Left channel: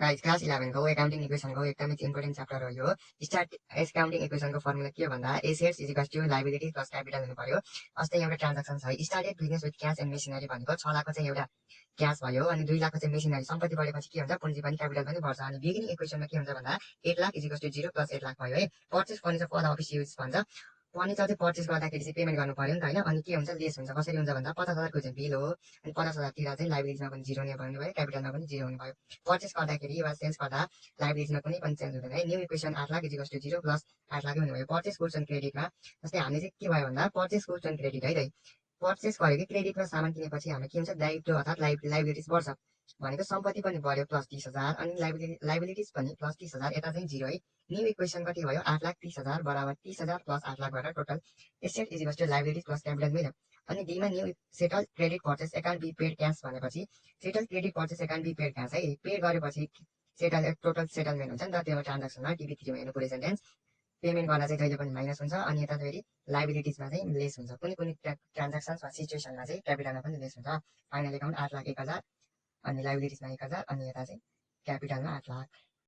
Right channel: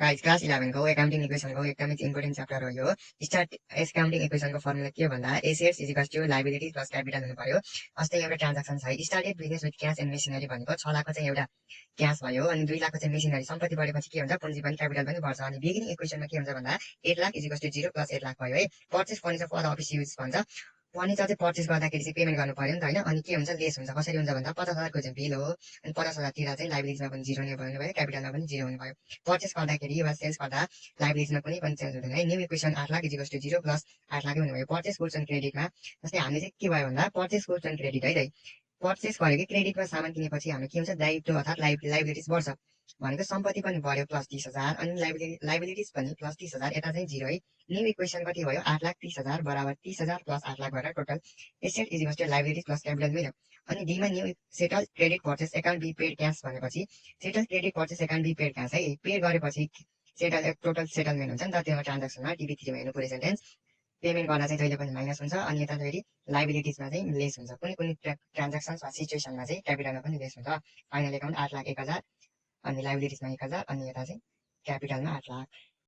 Guys class 11 को accounting इक्वेसनको एकदमै important chapter हो यो। स्टार्ट एकाउन्टिङ इक्वेसनको फर्मुला के हो भन्दा assets is equals to liability plus capital हुनु पर्यो। अस्ति एउटा ट्रान्ज्याक्सन छ started business with cash and machinery भनेको 6 लाखको चाहिँ एउटा क्याश भयो अनि 2 लाखको चाहिँ मेसिनरी सम्पत्ति बढेपछि के हुन्छ पुँजी पनि क्यापिटल पनि बढ्छ अनि बिगिनिङ इक्वेसनमा के हुन्छ भन्दा 8 lakh is equals to 0 plus 8 lakh भयो है। Purchase furniture for office use भन्छ। फर्निचर चाहिँ पर्चेस गर्दाखेरि चाहिँ पेमेन्ट गर्नु पर्यो नि त होइन अनि के हुन्छ लेस हुन्छ कसरी हुन्छ भन्दा 50,000को चाहिँ बिल हो अनि 50,000 तिर्दा चाहिँ लाइबिलिटीमा पनि 0 नै भयो क्यापिटलमा पनि 0 हुने भयो। पर्चेस गर्दाखेरि वा सेल्स गर्दा लाइबिलिटीमा कुनै पनि चेन्ज हुँदैन है। New equation 8 lakh is equals to 0 plus 8 lakh हुने भयो। पर्चेस गुड्स एन्ड क्रेडिटमा जस्तै हामीले चाहिँ के भयो भन्दा पर्चेस गुड्स एन्ड क्रेडिट है पर्चेस गर्यो कि क्रेडिटमा सामान किनेपछि हाम्रो के हुन्छ दायित्व अर्थात् लाइबिलिटिज बढ्छ भनेको सम्पत्ति पनि बढ्यो प्लस 30,000 अनि लाइबिलिटिज पनि प्लस 30,000 यता चाहिँ 0 है। न्यू इक्वेसन कति भयो 8,30,000 बराबर 30,000 प्लस 8 लाख गरेर total asset is equals to liabilities plus capital भयो। अनि डीमा new settle credit purchase account be paid cash भनेपछि settle credit purchase account be paid cash है पे गरेपछि सेटल टोटल सेटलमेन्ट हुन्छ नि त त्यो ट्रान्ज्याक्सनमा टिभी3मा हेर्नु पुरै सेन्टेन्स पेमेन्ट गर्दा चाहिँ जहिले पनि माइनस हुन्छ अनि यता फेरि लाइबिलिटिजमा चाहिँ लेस हुन्छ कुनै कुनै ट्रान्ज्याक्सन्स वा सिचुएसनमा चाहिँ क्यापिटलमा पनि लेस हुन्छ। फाइनल एकाउन्ट 8,01,000 अनि लाइबिलिटिजमा 1,000 अनि यता चाहिँ क्यापिटलमा 8 लाख।